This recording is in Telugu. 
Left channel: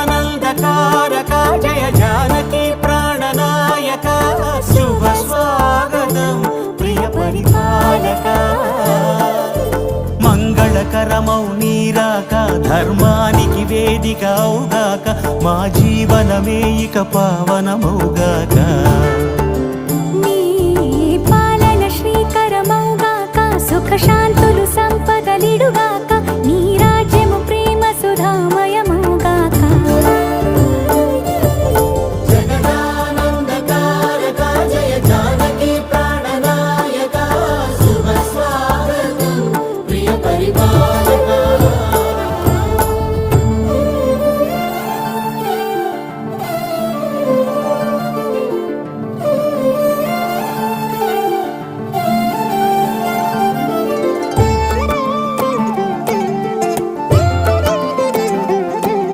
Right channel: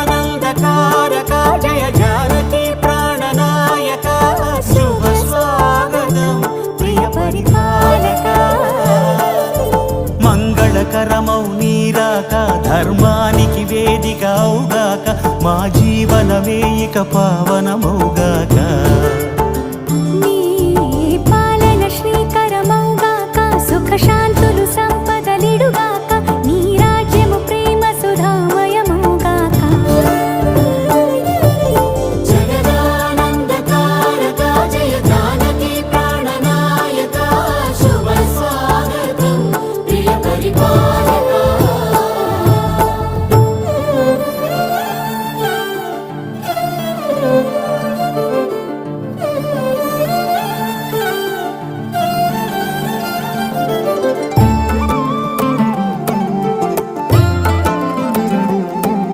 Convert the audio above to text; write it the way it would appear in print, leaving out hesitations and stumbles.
జగదానందకారక జయ జానకి ప్రాణనాయక శుభ స్వాగతం ప్రియ పరిపాలక మంగళకరమౌ నీరాక ధర్మానికి వేదిక అవుగాక మా జీవనమే ఇక పావనమౌగాక నీ పాలన శ్రీకరమౌగాక సుఖ శాంతులు సంపదలిడుగా